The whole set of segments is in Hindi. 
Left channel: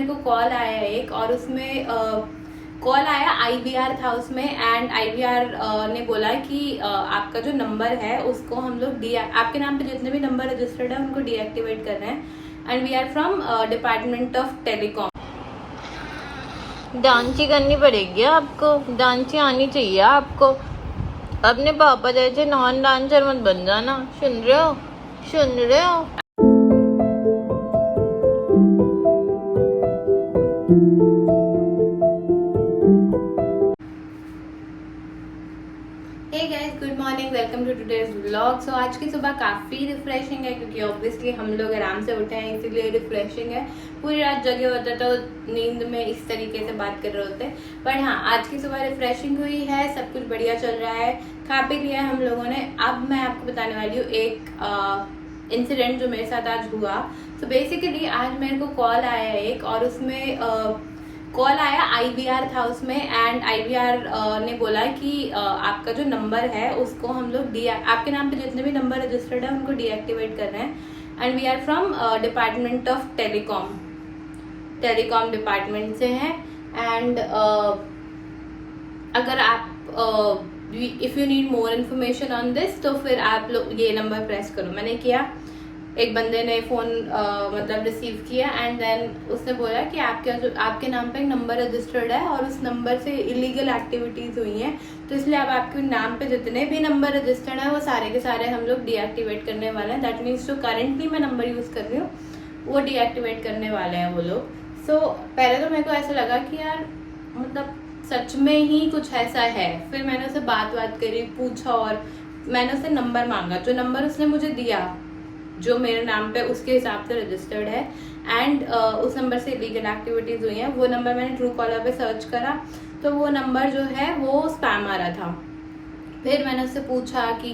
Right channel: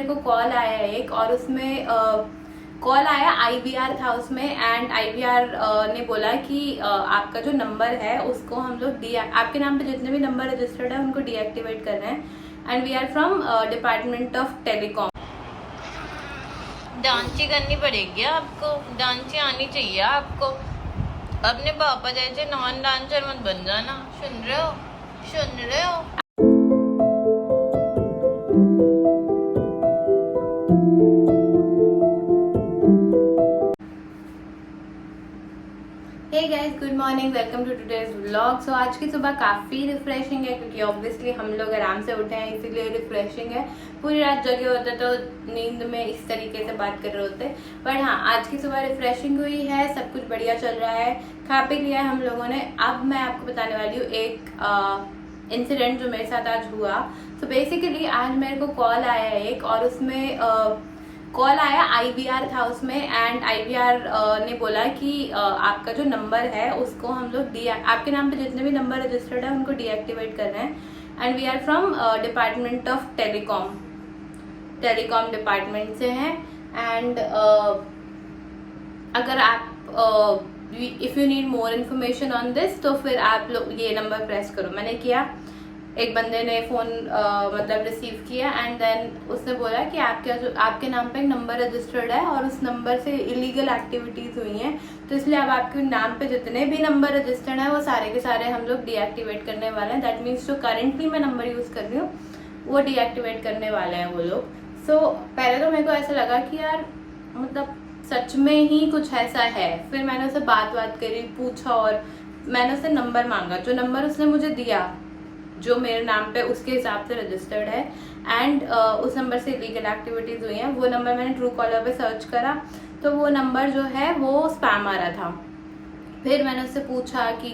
मेरे को कॉल आया एक, और उसमें कॉल आया IVR था उसमें, एंड IVR ने बोला कि आपका जो नंबर है उसको हम लोग आपके नाम पे जितने भी नंबर रजिस्टर्ड है उनको डीएक्टिवेट कर रहे हैं, and we are from department of telecom. डांसी करनी पड़ेगी आपको, डांसी आनी चाहिए आपको। अपने पापा जैसे नॉन डांसर मत बन जाना, सुन रहे हो, सुन रहे हो। Hey guys, good morning, welcome to today's vlog. So आज की सुबह काफी रिफ्रेशिंग है क्योंकि ऑब्वियसली हम लोग आराम से उठे हैं, इसीलिए रिफ्रेशिंग है। पूरी रात जगे होते तो नींद में इस तरीके से बात कर रहे होते, बट हाँ, आज की सुबह रिफ्रेशिंग हुई है, सब कुछ बढ़िया चल रहा है, खा पी लिया है हम लोगों ने। अब मैं आपको बताने वाली हूँ एक इंसिडेंट जो मेरे साथ आज हुआ। तो बेसिकली आज मेरे को कॉल आया एक, और उसमें कॉल आया IVR था उसमें, एंड IVR ने बोला कि आपका जो नंबर है उसको हम लोग आपके नाम पे जितने भी नंबर रजिस्टर्ड है उनको डीएक्टिवेट कर रहे हैं, and we are from department of telecom department से हैं। एंड अगर आप if you need more information on this तो फिर आप लोग ये नंबर प्रेस करो। मैंने किया, एक बंदे ने फोन मतलब रिसीव किया, एंड देन उसने बोला कि आपके नाम पे एक नंबर रजिस्टर्ड है और उस नंबर से इलीगल एक्टिविटीज हुई हैं, तो इसलिए अब आपके नाम पे जितने भी नंबर रजिस्टर्ड है वो सारे के सारे हम लोग डीएक्टिवेट करने वाले हैं। दैट मीन्स जो करंटली मैं नंबर यूज कर रही हूँ वो डीएक्टिवेट करने वाले हैं वो लोग। सो पहले तो मेरे को ऐसा लगा कि यार मतलब सच में ही कुछ ऐसा है। फिर मैंने उससे बात करी, पूछा, और मैंने उससे नंबर मांगा। जो नंबर उसने मुझे दिया जो मेरे नाम पे उसके हिसाब से रजिस्टर्ड है, एंड उस नंबर से इलीगल एक्टिविटीज हुई हैं, वो नंबर मैंने ट्रू कॉलर पे सर्च करा तो वो नंबर जो है वो स्पैम आ रहा था। फिर मैंने उससे पूछा कि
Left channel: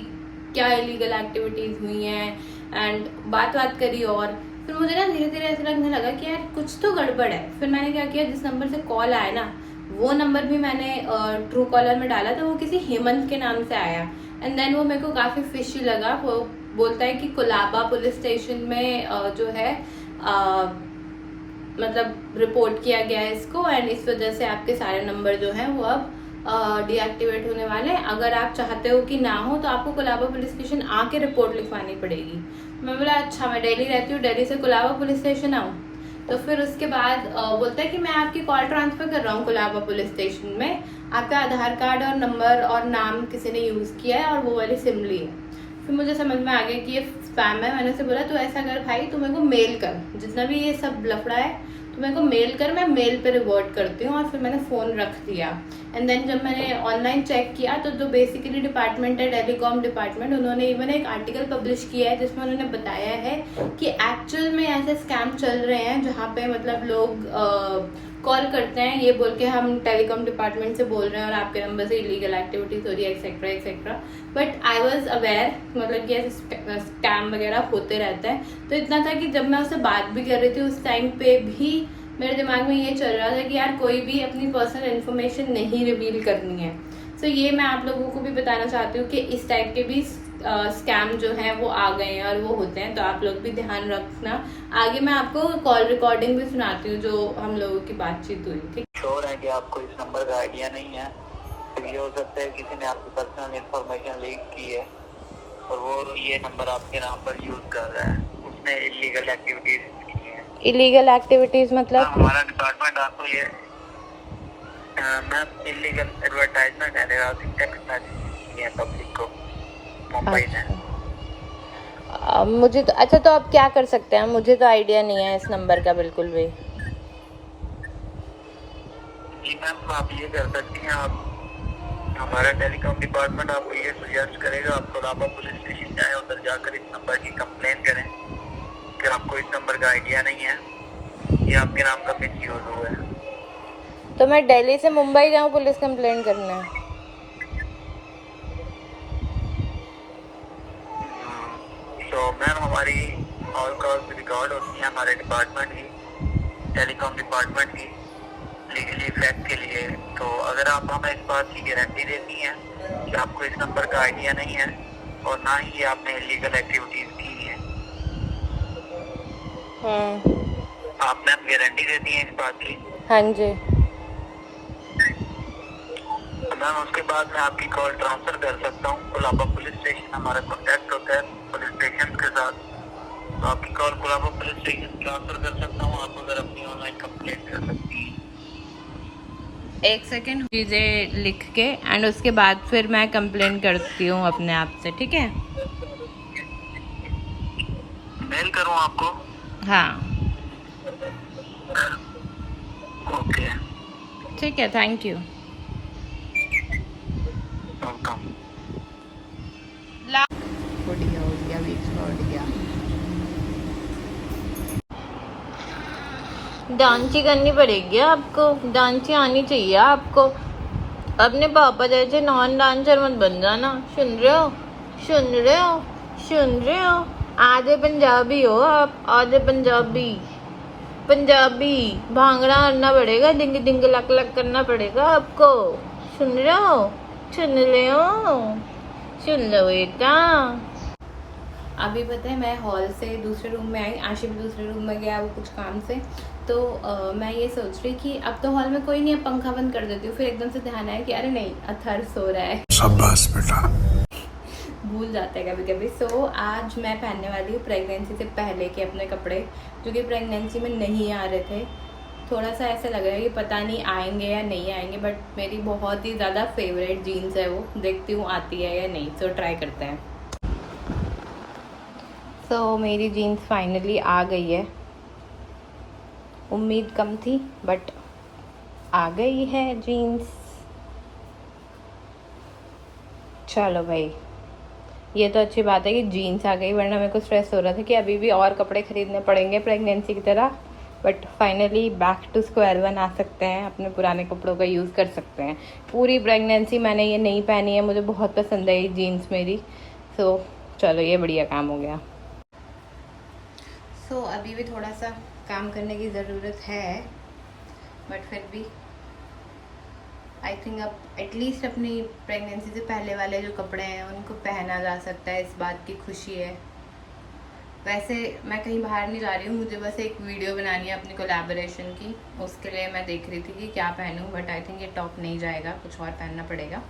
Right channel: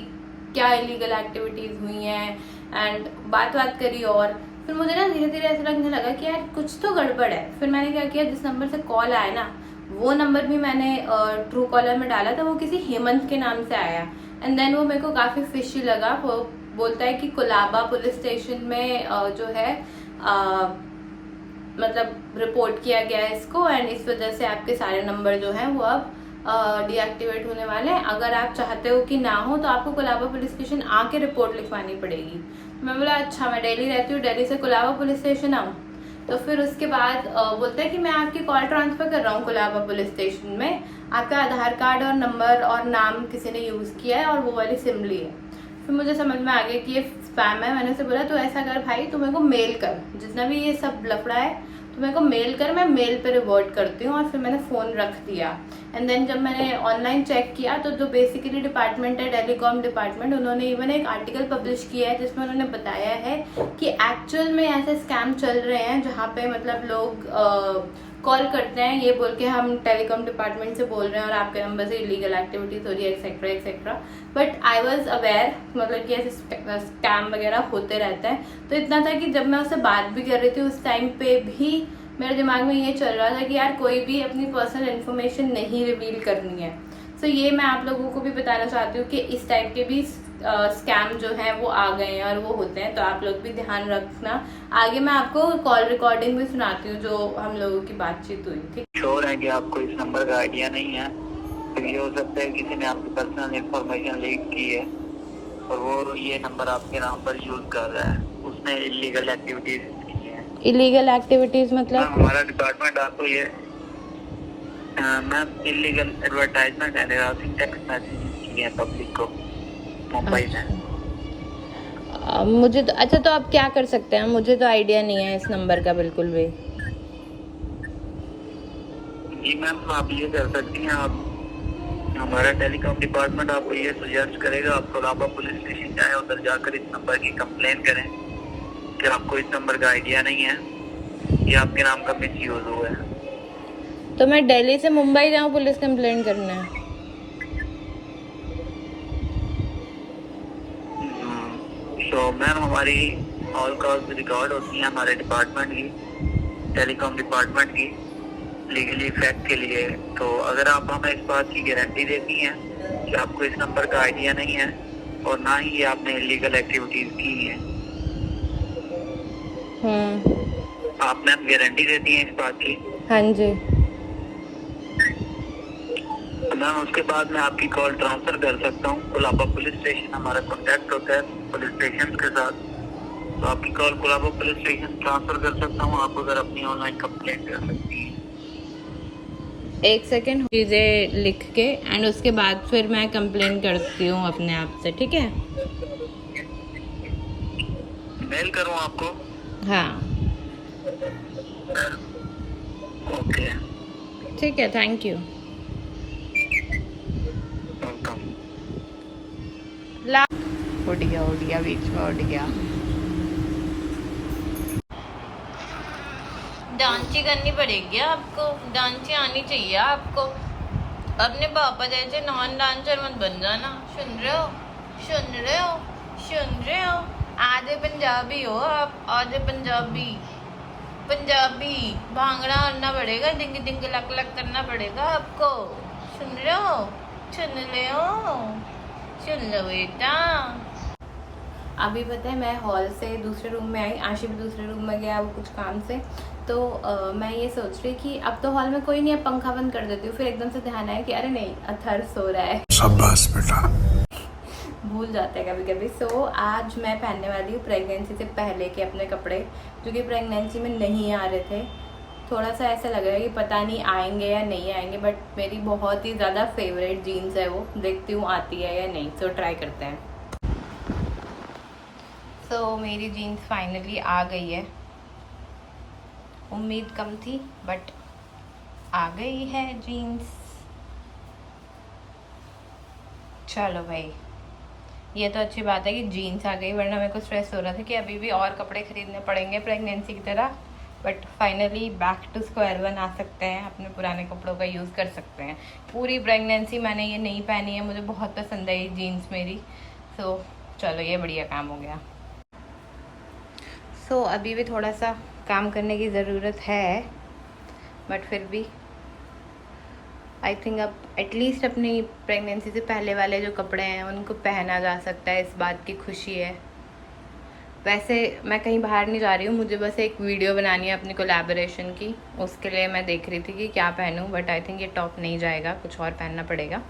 क्या इलीगल एक्टिविटीज हुई हैं, एंड बात करी, और फिर मुझे ना धीरे धीरे ऐसा लगने लगा कि यार कुछ तो गड़बड़ है। फिर मैंने क्या किया, जिस नंबर से कॉल आया ना वो नंबर भी मैंने ट्रू कॉलर में डाला था, वो किसी हेमंत के नाम से आया, एंड देन वो मेरे को काफी फिशी लगा। वो बोलता है कि कोलाबा पुलिस स्टेशन में जो है मतलब रिपोर्ट किया गया है इसको, एंड इस वजह से आपके सारे नंबर जो हैं वो अब डीएक्टिवेट होने वाले हैं। अगर आप चाहते हो कि ना हो तो आपको कोलाबा पुलिस स्टेशन आके रिपोर्ट लिखवानी पड़ेगी। मैं बोला अच्छा, मैं दिल्ली रहती हूँ, दिल्ली से कोलाबा पुलिस स्टेशन आऊँ? तो फिर उसके बाद बोलता है कि मैं आपकी कॉल ट्रांसफर कर रहा हूँ कोलाबा पुलिस स्टेशन में, आपका आधार कार्ड और नंबर और नाम किसी ने यूज किया है और वो वाली सिम ली है। फिर मुझे समझ में आ गया कि ये स्पैम है। मैंने उसे बोला तो ऐसा कर भाई, तू मेरे को मेल कर, जितना भी ये सब लफड़ा है तो मेरे को मेल कर, मैं मेल पे रिवर्ट करती हूँ। और फिर मैंने फोन रख दिया, एंड देन जब मैंने ऑनलाइन चेक किया तो जो बेसिकली डिपार्टमेंट है टेलीकॉम डिपार्टमेंट, उन्होंने इवन एक आर्टिकल पब्लिश किया है जिसमें उन्होंने बताया है कि एक्चुअल में ऐसे स्कैम चल रहे हैं जहाँ पे मतलब लोग कॉल करते हैं ये बोल के हम टेलीकॉम डिपार्टमेंट से बोल रहे हैं और आपके नंबर से इलीगल एक्टिविटीज हो रही है etcetera etcetera. But I was aware मतलब कि ऐसे स्कैम वगैरह होते रहते हैं। तो इतना था कि जब मैं उससे बात भी कर रही थी उस टाइम पे भी मेरे दिमाग में ये चल रहा था कि यार कोई भी अपनी पर्सनल इन्फॉर्मेशन नहीं रिवील करनी है। सो ये मैं आप लोगों को भी बताना चाहती हूँ कि इस टाइप के भी स्कैम जो है वो आ गए हैं और वो होते हैं, तो आप लोग भी ध्यान रखना। आगे मैं आपको कॉल रिकॉर्डिंग भी सुनाती हूँ जो हम लोगों की बातचीत हुई थी। श्योर है कि आपको इस नंबर का आइडिया नहीं है, तो ये हो सकता है किसी ने आपकी पर्सनल इंफॉर्मेशन लीक की है और वो ये नंबर आपके नाम पर यूज कर रहा है, उसने इलीगल एक्टिविटीज की है। इलीगल एक्टिविटीज मतलब हमारा डिपार्टमेंट आपको ये ma'am illegal advertisement and harassing text message की है पब्लिक को मुंबई में। मुझे तो अच्छा, तो आप क्या कर सकते हैं? मुझे तो आइडिया नहीं है इस नंबर का बिल्कुल भी। जी मैम, आप ये कर सकती हैं, आप हमारा टेलीकॉम डिपार्टमेंट आपको ये सजेस्ट करेगा आप कोलाबा पुलिस स्टेशन जाए, उधर जाकर इस नंबर की कंप्लेन करें कि आपको इस नंबर का आइडिया नहीं है, ये आपके नाम का मिस यूज हुआ है। तो मैं दिल्ली से मुंबई जाऊँ पुलिस कंप्लेंट करना है? तो मैम हमारी ऑल कॉल्स रिकॉर्ड होती हैं हमारे डिपार्टमेंट की, टेलीकॉम डिपार्टमेंट की, लीगली इफेक्ट के लिए। तो अगर आप हमें इस बात की गारंटी देती हैं कि आपको इस नंबर का आइडिया नहीं है और ना ही आपने इलीगल एक्टिविटीज की हैं, आप मैम गारंटी देती हैं इस बात की? हाँ जी। मैम उसके बाद मैं आपकी कॉल ट्रांसफर कर सकता हूँ। कोलाबा पुलिस स्टेशन हमारा कॉन्टैक्ट होता है पुलिस स्टेशन के साथ, तो आपकी call Colaba police station transfer कर सकता हूँ। आप उधर अपनी ऑनलाइन कंप्लेंट कर सकती हैं। एक सेकेंड, चीज़ें लिख के एंड उसके बाद फिर मैं कंप्लेन करती हूँ अपने आप से, ठीक है? मेल करूँ आपको? हाँ ओके, ठीक है, थैंक यू। वेलकम। उड़ गया बीच में, उड़ गया। डांसी करनी पड़ेगी आपको, डांसी आनी चाहिए आपको। अपने पापा जैसे नॉन डांसर मत बन जाना, सुन रहे हो? सुन रहे हो? सुन रहे हो? आधे पंजाबी हो आप, आधे पंजाबी। पंजाबी भांगड़ा करना पड़ेगा, डिंग डिंग लक लक करना पड़ेगा आपको। सुन रहे हो? सुन रहे हो? सुन लो बेटा। अभी पता है मैं हॉल से दूसरे रूम में आई, आशी भी दूसरे रूम में गया वो कुछ काम से, तो मैं ये सोच रही कि अब तो हॉल में कोई नहीं है, पंखा बंद कर देती हूँ। फिर एकदम से ध्यान आया कि अरे नहीं, अथर सो रहा है। शाबाश बेटा। भूल जाते हैं कभी कभी। सो आज मैं पहनने वाली हूँ प्रेगनेंसी से पहले के अपने कपड़े, जो कि प्रेगनेंसी में नहीं आ रहे थे। थोड़ा सा ऐसा लग रहा है कि पता नहीं आएंगे या नहीं आएंगे, बट मेरी बहुत ही ज़्यादा फेवरेट जीन्स है वो, देखती हूँ आती है या नहीं, तो ट्राई करते हैं। तो मेरी जीन्स फाइनली आ गई है, उम्मीद कम थी बट आ गई है जीन्स। चलो भाई, ये तो अच्छी बात है कि जीन्स आ गई, वरना मेरे को स्ट्रेस हो रहा था कि अभी भी और कपड़े खरीदने पड़ेंगे प्रेगनेंसी की तरह। But finally back to square one आ सकते हैं, अपने पुराने कपड़ों का यूज़ कर सकते हैं। पूरी प्रेगनेंसी मैंने ये नहीं पहनी है, मुझे बहुत पसंद है ये जीन्स मेरी। सो चलो, ये बढ़िया काम हो गया। सो अभी भी थोड़ा सा काम करने की ज़रूरत है, बट फिर भी आई थिंक अब एटलीस्ट अपनी प्रेगनेंसी से पहले वाले जो कपड़े हैं उनको पहना जा सकता है, इस बात की खुशी है। वैसे मैं कहीं बाहर नहीं जा रही हूँ, मुझे बस एक वीडियो बनानी है अपनी कोलैबोरेशन की, उसके लिए मैं देख रही थी कि क्या पहनूं, बट आई थिंक ये टॉप नहीं जाएगा, कुछ और पहनना पड़ेगा।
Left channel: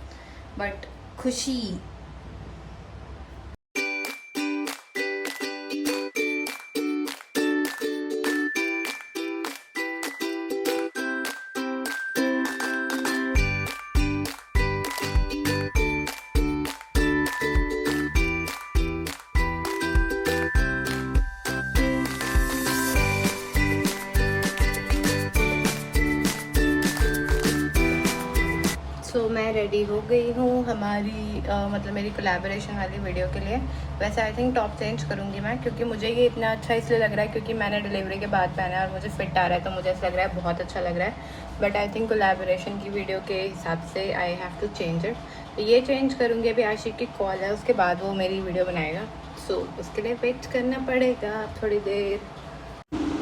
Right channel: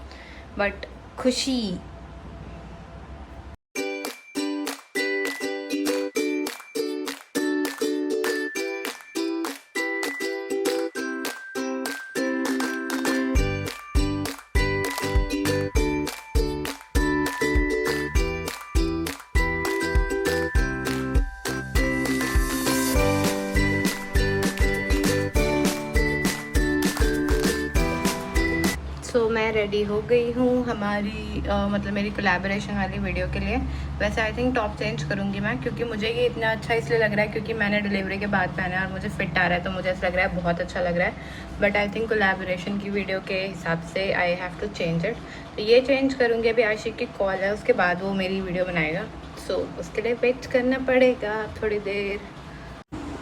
बट खुशी। सो मैं रेडी हो गई हूँ हमारी मतलब मेरी कोलैबोरेशन वाली वीडियो के लिए। वैसे आई थिंक टॉप चेंज करूँगी मैं, क्योंकि मुझे ये इतना अच्छा इसलिए लग रहा है क्योंकि मैंने डिलीवरी के बाद पहना है और मुझे फिट आ रहा है, तो मुझे ऐसा लग रहा है बहुत अच्छा लग रहा है। बट आई थिंक कोलैबोरेशन की वीडियो के हिसाब से I have to change it, तो ये चेंज करूँगी। अभी आशिक की कॉल है, उसके बाद वो मेरी वीडियो बनाएगा, सो उसके लिए वेट करना पड़ेगा थोड़ी देर।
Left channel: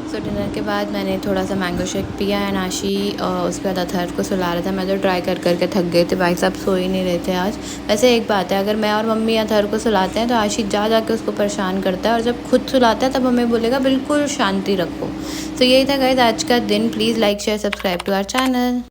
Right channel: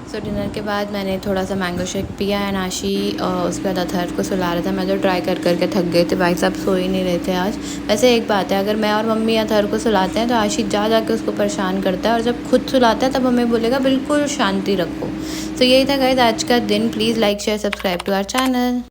सो डिनर के बाद मैंने थोड़ा सा मैंगो शेक पिया है, नाशी उसके बाद अथर को सुला रहा था। मैं तो ट्राई कर करके थक गए थे, भाई साहब सो ही नहीं रहे थे आज। वैसे एक बात है, अगर मैं और मम्मी अथर को सुलाते हैं तो आशी जा के उसको परेशान करता है, और जब खुद सुलाता है तब हमें बोलेगा बिल्कुल शांति रखो। तो यही था गाइस आज का दिन। Please like share subscribe to our channel.